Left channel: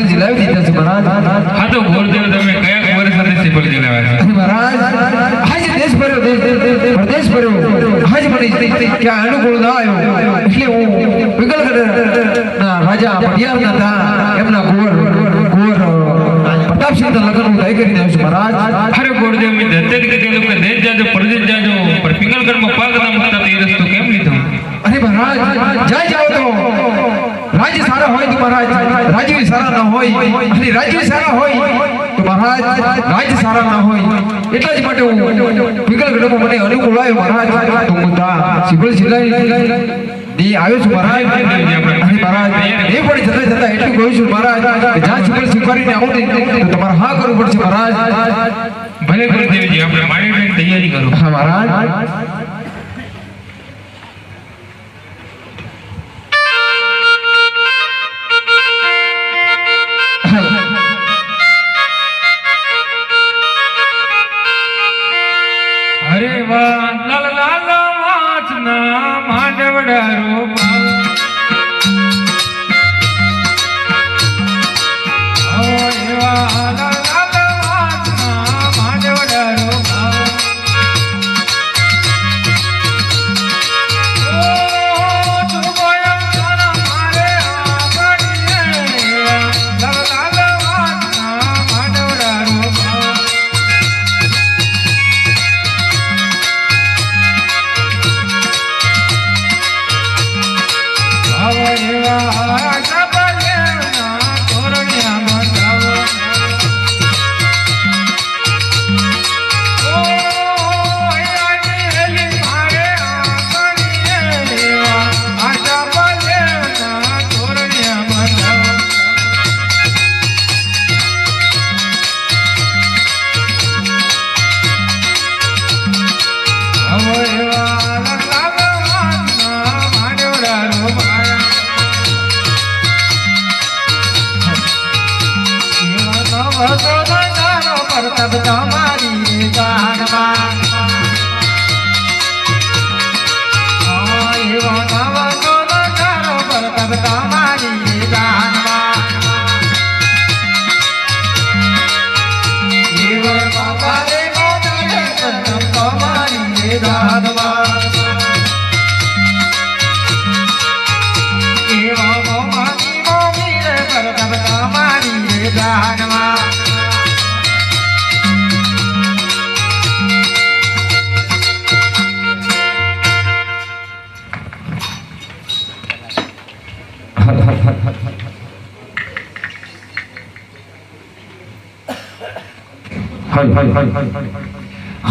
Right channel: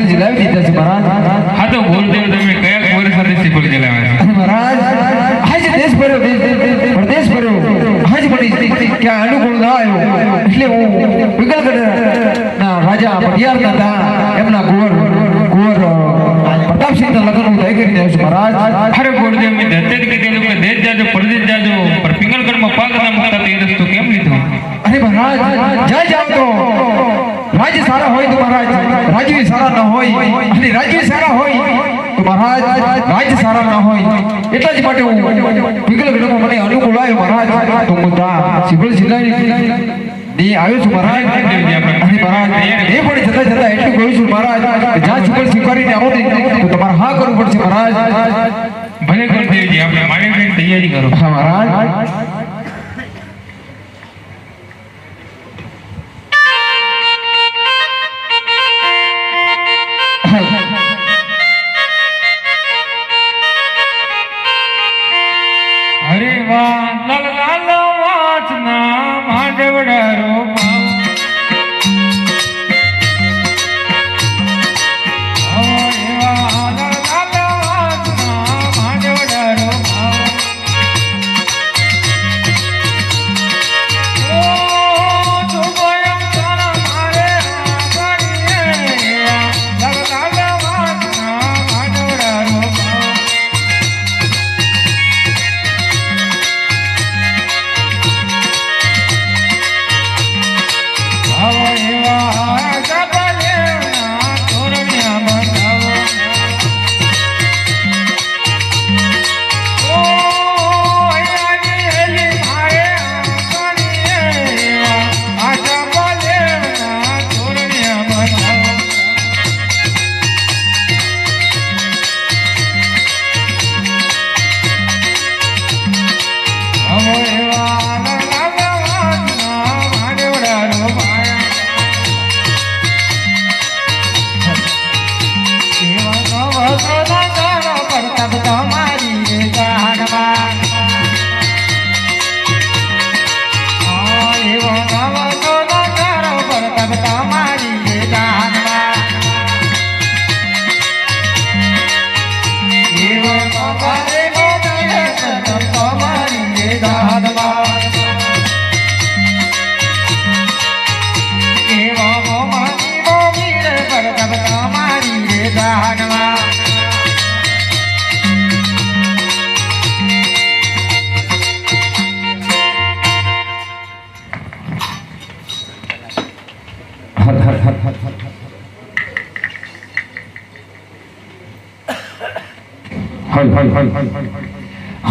સિફળ જલાવી દીધા છે મહારાજ. હા તો ગોરદેવ તમે કયા વર્ષ સાથે સિફળ જલાવ્યા છે? મહારાજ આજ દેશ ભર્યો પ્રદેશ ભર્યો આજ મને ક્યાં અનુકૂળ ના આવ્યો એટલે હું વિકલગઢ રાજા પટિયારના હતા એમના કુંવર પ્રતાપસિંહ લગ્ન હું તય કરી દઉં છું મહારાજ. અરે ગોરદેવ મેં દત્તક કીધેલું કે દેશ જાજો પરદેશ જાજો પર પિંગલગઢમાં પાક ના મુકતા તો એ રસ્તો કેમ લીધો? અરે મહારાજ જાય જાવ તો રાજ્ય સારા હોય તો મહારાજ રાજ્ય સારા ન હોય અને રાજ્ય સારા હોય તો મહારાજ રાજ્ય સારા ના હોય એટલા જ માટે હું પિંગલગઢમાં મને અનુકૂળ આવ્યો મહારાજ તો હું સિફળ જિલ્લાની આવ્યો છું મહારાજ. અને મહારાજ એ પણ જતા જતા એટલું કહું છું મહારાજ કે જ્યાં સિફળ સ્વીકારીને આવો ને તો તમારે હા કરવું પડશે મહારાજ. ભલે ગોરદેવજી આપણે મારી તૈયારી કરો. હા મહારાજ. હરે વાહ લાલ લાલ વાચના માંડવડારો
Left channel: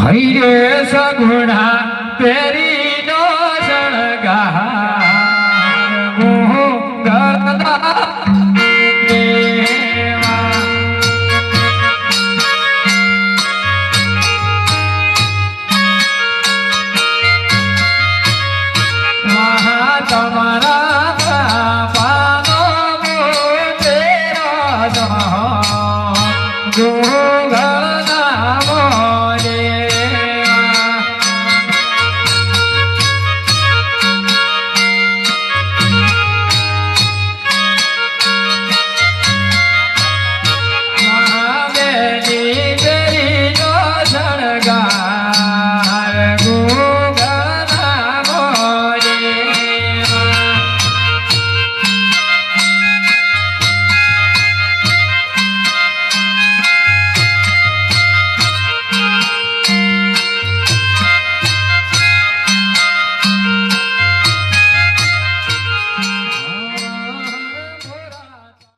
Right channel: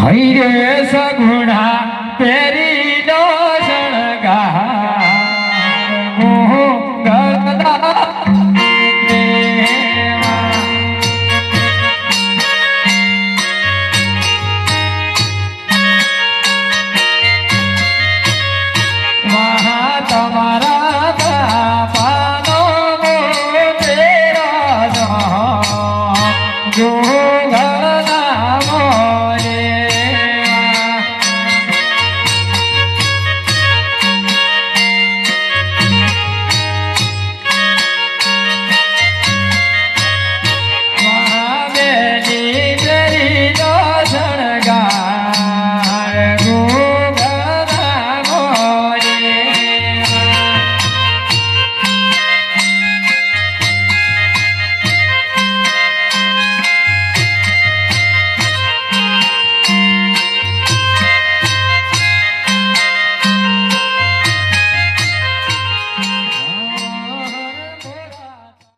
હૈ રે સગુણા પેરી